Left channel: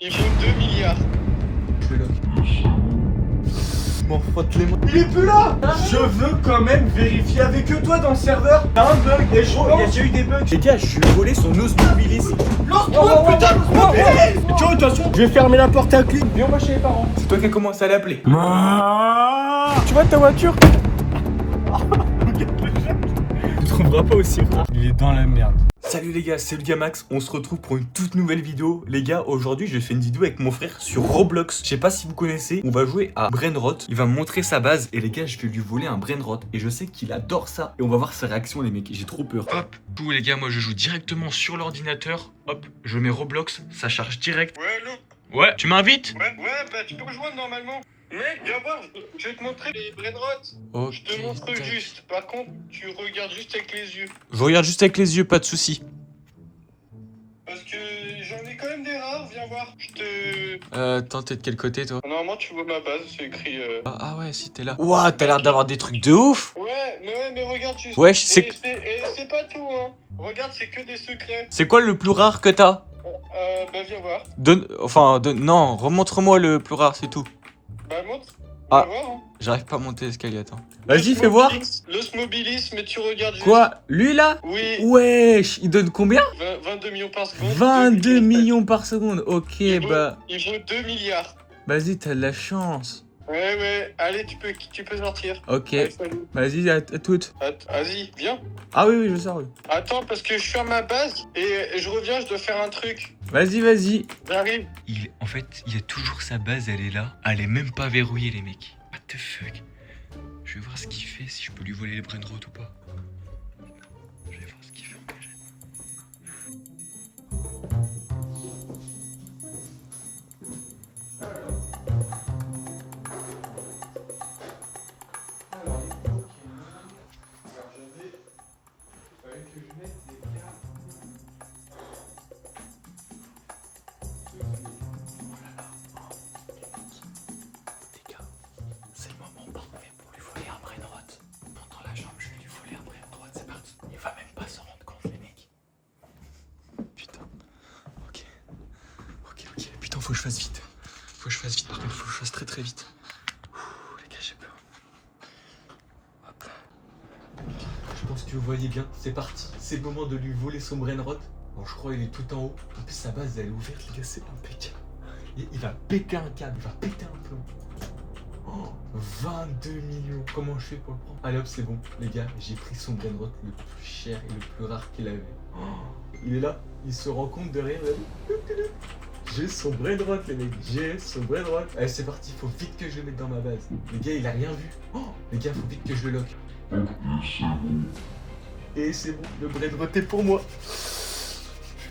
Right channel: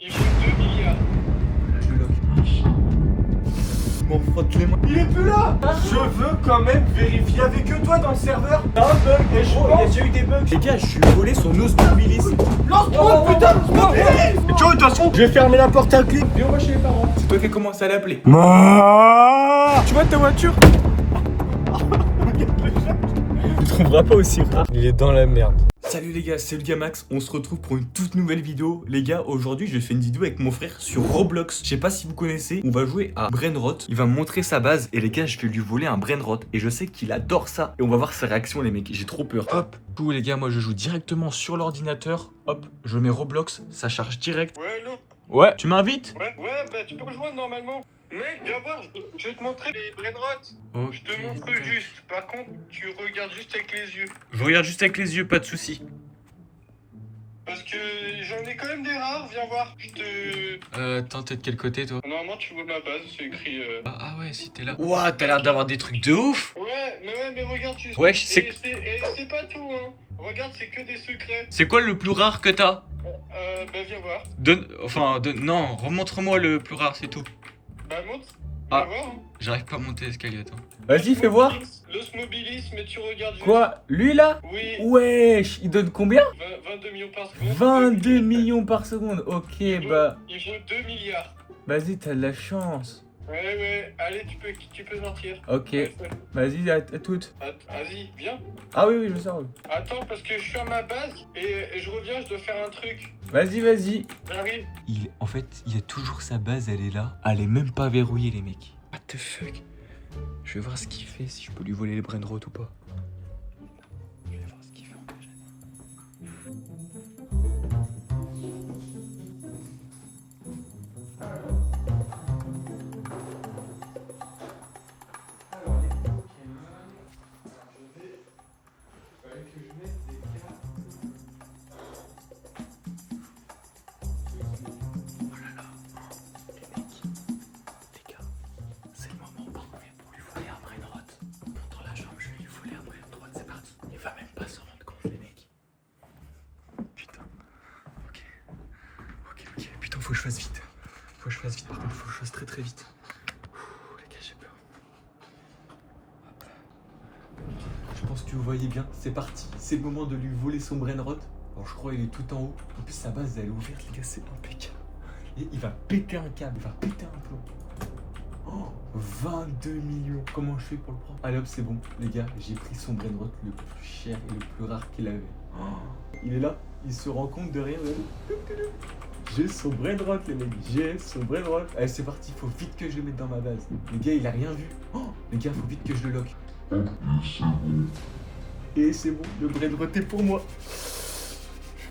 Il vaut 2 milliards. Je le lock. Je m'en frotte les mains. Il est plus là. Je veux quand même vérifier avec eux, toi, dans le serveur. Y'a un bug, Et je il y a pense- déjà eu des bugs. Les gars, je lui ai volé son Osmobilis. Lance-toi, putain, lance-moi. Tu vois, attention, je vais fermer la porte à clé. Viens, on va chez les parents. C'est toi qui as commencé à l'appeler. Tu vois ta voiture? Tu trouveras pas aussi, frère. Il est dans la merde. Salut les gars, c'est le Gamax, on se retrouve pour une toute nouvelle vidéo. Les gars, aujourd'hui je fais une vidéo avec mon frère sur Roblox. Je sais pas si vous connaissez, on va jouer à Brainrot. Il va me montrer sa base et les gars, je vais lui voler un Brainrot. Et je sais qu'il adore ça. Et on va voir ses réactions les mecs, j'ai trop peur. Hop, tout les gars, moi je joue directement sur l'ordinateur. Hop, je mets Roblox, ça charge direct. Ouais, allô? Ouais, tu m'invites? Ouais, bah tu peux rejoindre normalement. Mec, viens voir, je vais te montrer les brainrots. Ok, Je te montre juste. Par contre, tu regardes juste avec les yeux. Je regarde juste avec les yeux, pas de soucis. Parce que j'en ai quand même des rares, viens voir. Je te. Attends, t'es de quel côté toi? Normalement, tu vois ma base, c'est écrit. Ah ouais, si t'es là. Ouah, t'as l'air d'avoir des trucs de ouf. Ouais, mais regarde juste. Ouais, je sais. Et c'est pas tout, hein. Regarde, c'est que des secrets. C'est quoi le plus rare que t'as? Bah viens voir. Non, remontre-moi le plus rare, c'est tout. Bah montre. Ah. Viens voir, hein. J'arrive pas à monter l'escalier, attends. Vas-y, fais voir. L'osmobilis, mais tu regardes juste. Quoi? Lui là? Oui. Wesh, il donne combien? 22 millions par seconde. 22 millions par seconde. Ok, Il vaut- bah. Il vaut 2 milliards. Vas-y, t'as de la chance. Ouais. Allez, tu peux sortir. Ok, Allez, salut. vas-y, à toutes. Vas-y, viens. Ah oui, je sors, oui. Attends, parce que je suis à ma base et je reviens, je dois faire un truc. Vas-y. J'arrive. En fait, il y a toujours sa base, elle est là. Elle est même pas verrouillée, les mecs. What the fuck? Je vais voir ce qu'il fait, si je peux lui voler les brainrot ou pas. Je vais voir ce qu'il fait en vrai. Les gars, c'est le moment parfait pour lui voler un brainrot. Monte dans la chambre, je vais lui voler un brainrot, c'est parti. Il va même pas s'en rendre compte, les mecs. Putain. Ok. Putain, faut que je fasse vite. Par contre, faut que je fasse très vite. Ouh, les gars, j'ai peur. Hop là. Je pense que vous voyez bien, c'est parti. C'est le moment de lui voler son brainrot. Alors, je crois qu'il est tout en haut. En plus, sa base, elle est ouverte, les gars, c'est impeccable. Il va péter un câble, il va péter un plomb. Oh, 22 millions. Comment je fais pour le prendre? Allez hop, c'est bon. Les gars, j'ai pris son brainrot le plus cher et le plus rare qu'il avait. Oh, il est là, il se rend compte de rien. J'ai son brainrot, les mecs. J'ai son brainrot. Allez, c'est parti, faut vite que je le mette dans ma base. Les gars, il a rien vu. Oh, les gars, faut vite que je le lock. Et c'est bon, le brainrot est pour moi.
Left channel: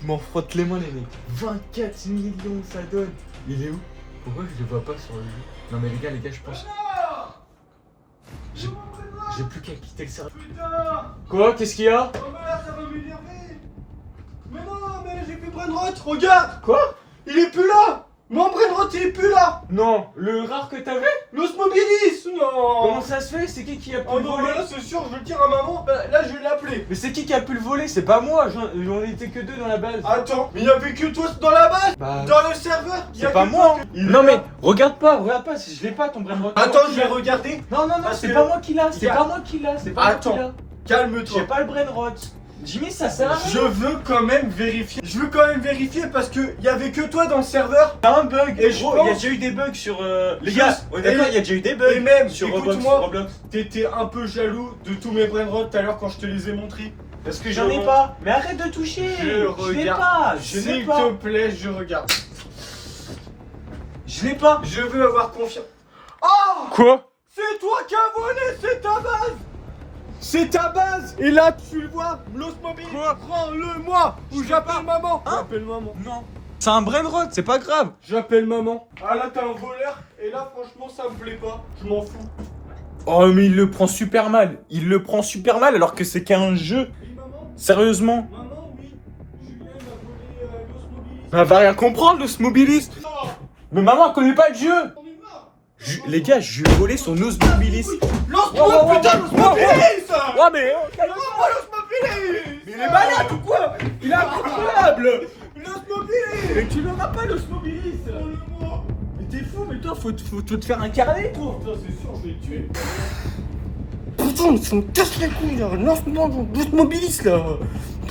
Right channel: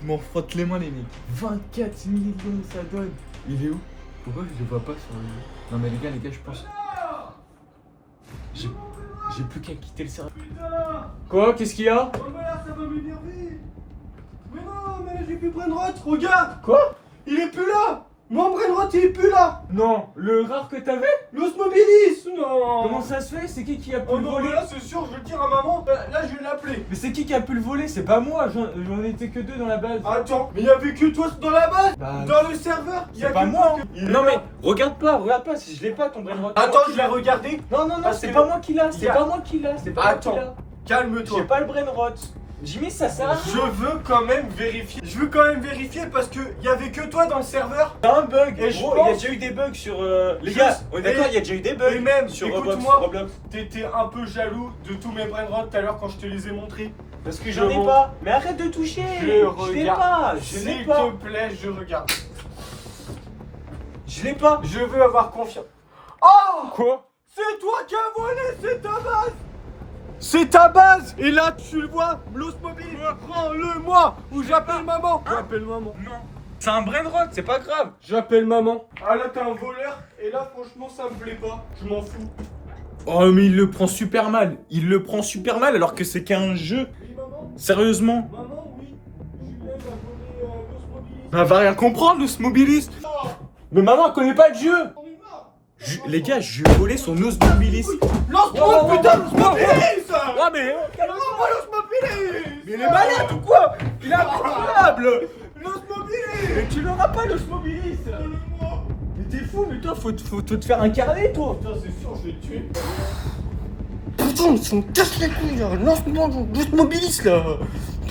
Je m'en frotte les mains, les mecs. 24 millions, ça donne. Il est où? Pourquoi je le vois pas sur le jeu? Non mais les gars, je pense... J'ai plus qu'à quitter le serveur. Putain. Quoi? Qu'est-ce qu'il y a? Oh mais là, ça va m'énerver. Mais non, mais j'ai plus Brainrot, regarde. Quoi? Il est plus là. Mon Brainrot, il est plus là. Non, le rare que t'avais? L'osmobilis, non. Comment ça se fait? C'est qui a pu Oh le non, voler? mais là, c'est sûr, je le tire à maman. Là, je vais l'appeler. Mais c'est qui a pu le voler? C'est pas moi, j'en étais que 2 dans la base. Attends, mais il y avait que toi dans la base. Bah, Dans le serveur, il y a c'est pas que moi. toi. Il est Non là. mais, regarde pas, si je l'ai pas ton brainrot. Attends, je vais regarder. Non, Parce c'est que- pas moi qui l'a, il y a- c'est pas moi qui l'a. Attends. Calme-toi. J'ai pas le brainrot. Jimmy, ça sert à rien. Je veux quand même vérifier. Parce que il y avait que toi dans le serveur. T'as un bug. Et je Gros, il y a pense- déjà eu des bugs sur... Les Je- gars, on est d'accord, et- il y a déjà eu des bugs et même, sur écoute-moi. Roblox. T'étais un peu jaloux de tous mes brainrots tout à l'heure quand je te les ai montrés. Parce que j'en ai Je- pas. Mais arrête de toucher. Je l'ai regarde. pas. Je l'ai S'il pas. te plaît, je regarde. Je l'ai pas. Je veux avoir confiance. Oh! Quoi? C'est toi qui as volé, c'est ta base! C'est ta base! Et là, tu le vois, l'osmobile, prends-le-moi! Ou j'appelle maman! J'appelle maman. Non. C'est un brainrot, c'est pas grave. J'appelle maman. Ah là, t'es un voleur. Et là, franchement, ça me plaît pas. Je m'en fous. Oh mais il le prend super mal. Alors que c'est qu'un jeu. Oui, maman? Sérieusement. Maman, oui. Julien m'a volé l'osmobile. Elle va rien comprendre, le Smobilis. Mais maman, elle connaît pas le jeu. On est mort! Les gars, je lui ai volé son Osmobilis. Lance-moi, putain, l'osmobile! Ouais mais... Lance-moi l'osmobile! Mais il est malade ou quoi? Il est incroyable. L'osmobile! Mobilis. Mais tu l'auras pas, l'os Mobilis. Mais t'es fou, mais toi, faut te faire un carnet, toi. Putain, c'est sûr, je vais te tuer. Putain, ça me casse les couilles, là. Lance-moi l'os Mobilis, là.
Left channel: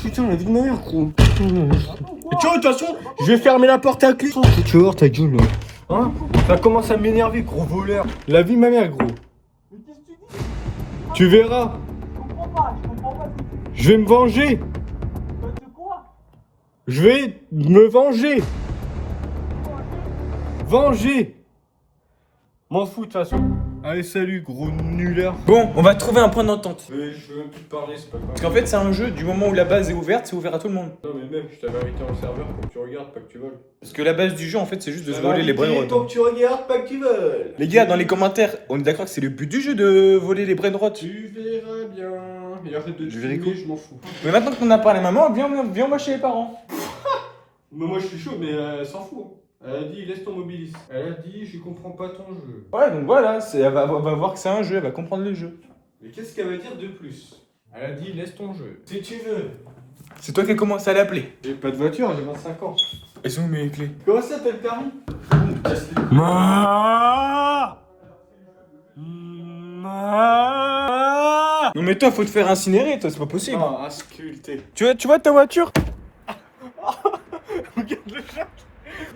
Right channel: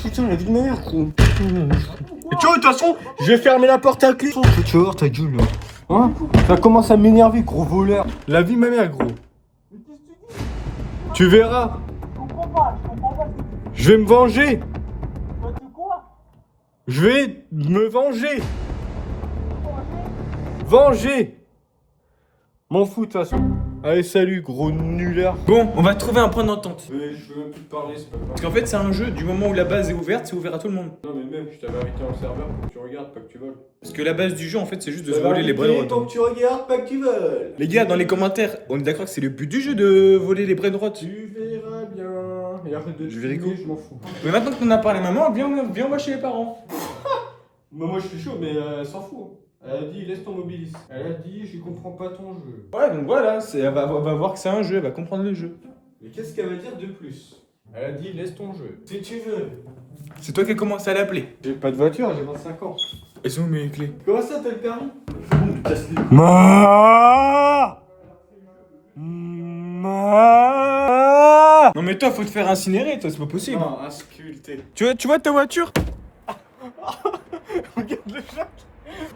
Putain, la vie de ma mère, gros. Et tu vois, de toute façon, je vais fermer la porte à clé. Tu vas voir ta gueule, là. Hein? Ça commence à m'énerver, gros voleur. La vie de ma mère, gros. Tu verras. Je vais me venger. Je vais me venger. Venger. M'en fous de toute façon. Allez, salut, gros nulard. Bon, on va trouver un point d'entente. Mais je veux même plus te parler, c'est pas grave. Parce qu'en fait, c'est un jeu, du moment où la base est ouverte, c'est ouvert à tout le monde. Non, mais même, je t'avais invité dans le serveur pour que tu regardes, pas que tu voles. Parce que la base du jeu, en fait, c'est juste de se voler les brainrots. Pour que tu regardes, pas que tu voles. Les gars, dans les commentaires, on est d'accord que c'est le but du jeu de voler les brainrots. Tu verras bien. Et arrête de Je verrai fumer, quoi. je m'en fous. Mais maintenant que t'en as parlé à maman, viens moi chez les parents. Mais moi, je suis chaud, mais elle s'en fout. Elle a dit, laisse ton Mobilis. Elle a dit, je comprends pas ton jeu. Ouais, donc voilà, elle va voir que c'est un jeu, elle va comprendre le jeu. Mais qu'est-ce qu'elle va dire de plus? Elle a dit, laisse ton jeu. Si tu veux. C'est toi qui as commencé à l'appeler. J'ai pas de voiture, j'ai 25 ans. Elles sont où mes clés? Comment ça, t'as le permis? Non mais toi, faut te faire incinérer, toi, c'est pas possible. Non, insculté. Tu vois ta voiture? Regarde le chat.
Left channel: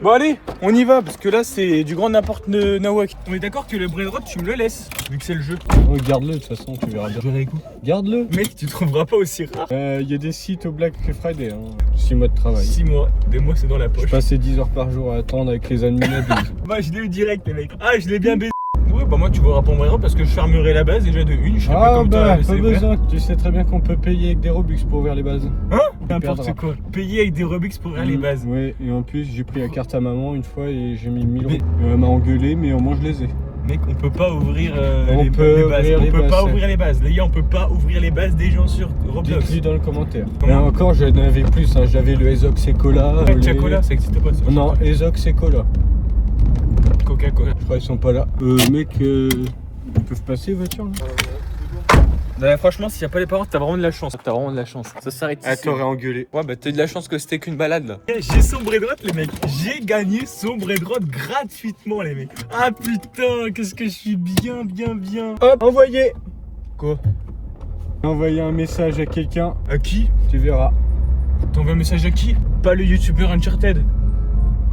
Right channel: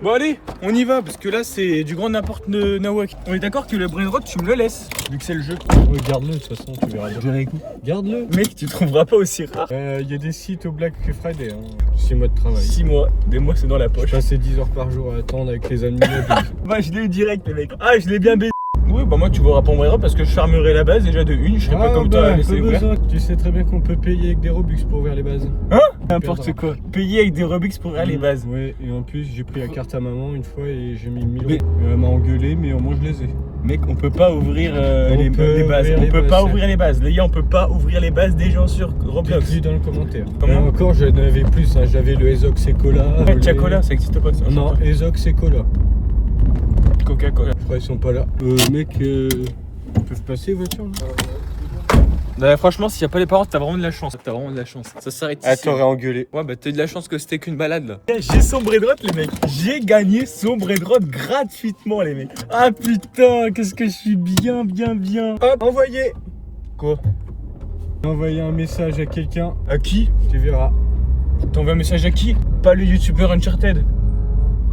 Bon allez, on y va, parce que là c'est du grand n'importe nawak. On est d'accord que le brainrot, tu me le laisses, vu que c'est le jeu. Regarde-le, de toute façon, tu verras bien. Garde-le. Mec, tu trouveras pas aussi rare. Il y a des sites au Black Friday, hein. 6 mois de travail. 6 mois, des mois c'est dans la Je poche. passais 10 heures par jour à attendre avec les admins. Bah je l'ai eu direct les mecs. Ah je l'ai bien baisé. Ouais bah moi tu verras pas mon brainrot parce que je fermerai la base déjà de une, je sais pas comment toi la laisser pas ouverte. besoin. Tu sais très bien qu'on peut payer avec des Robux pour ouvrir les bases. Hein? N'importe quoi. Payer avec des Robux pour ouvrir les bases. Oui, et en plus j'ai pris la carte à maman une fois et j'ai mis 1000 euros. Elle m'a engueulé, mais au moins je les ai. Mec, on peut pas ouvrir On les peut bases. ouvrir On les peut bases, pas chef. ouvrir les bases. Les gars, on peut pas ouvrir les bases des gens sur Roblox. Dis-le dans le commentaire. Comment Et encore, j'en avais plus. Hein. J'avais le Ezox et Cola. Coca-Cola, ça existe pas ça. Non, Ezox et Cola. Coca-Cola. Je crois qu'ils sont pas là. Mec, ils peuvent passer, voiture là. Bah, franchement, s'il y a pas les parents, t'as vraiment de la chance. T'as vraiment de la chance. Ça s'arrête Ah, ici. t'aurais engueulé. Ouais, bah t'as de la chance que c'était qu'une balade là. J'ai son brainrot, les mecs. J'ai gagné son brainrot gratuitement, les mecs. Ah putain, qu'est-ce que je suis bien. Hop, envoyé. Quoi? Envoyer un message à quelqu'un, À qui? tu verras. T'envoies un message à qui? Pas le youtubeur Uncharted.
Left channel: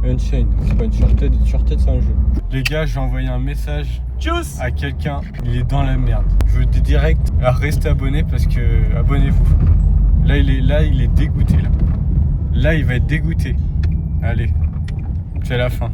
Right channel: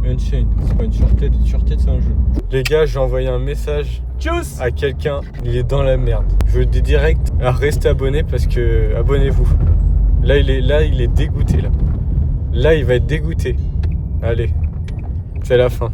Unchained, c'est pas Uncharted, Uncharted c'est un jeu. Les gars, j'ai envoyé un message Tchuss! à quelqu'un, il est dans la merde. Je vous le dis direct, à rester abonné parce que abonnez-vous. Là il est dégoûté là. Là il va être dégoûté. Allez, c'est la fin.